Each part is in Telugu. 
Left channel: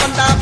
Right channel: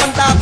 tanta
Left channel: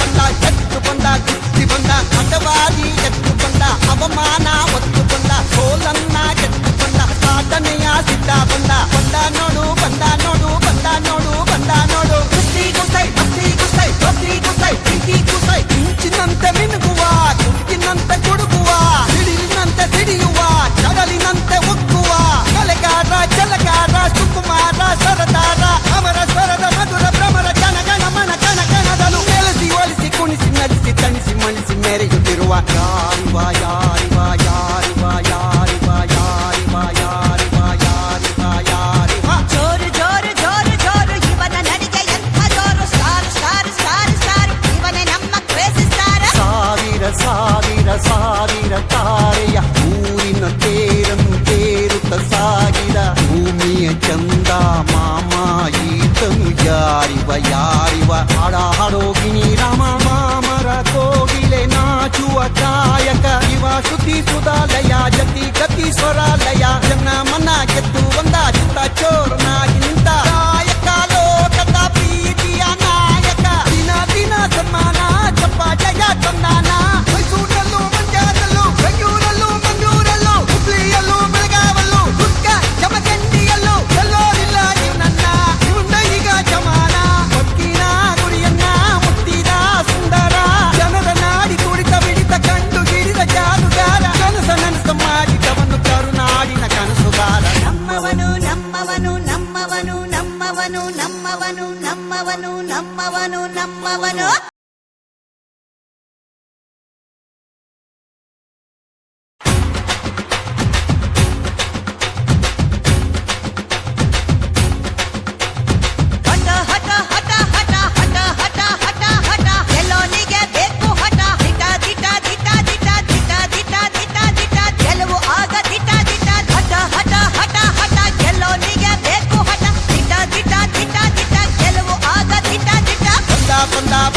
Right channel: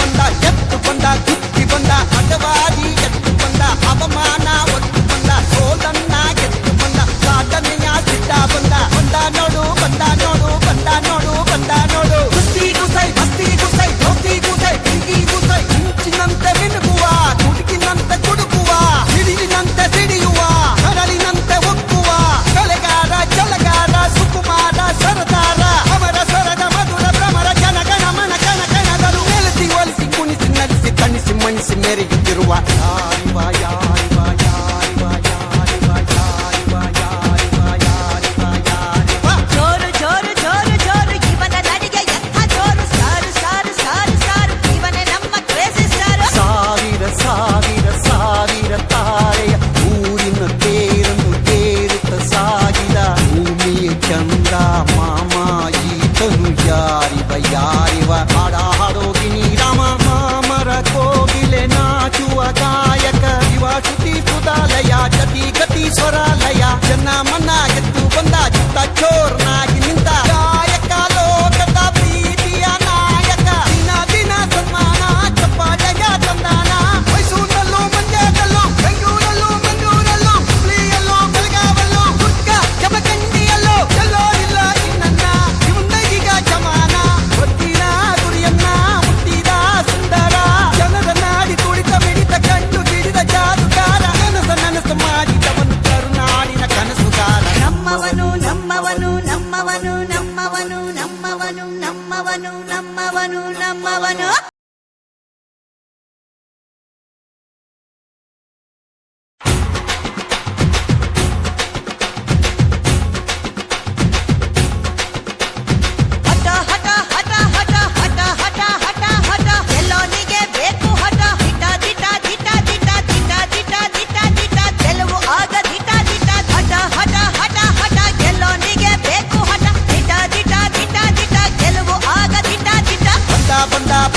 నమ్మవను నా banda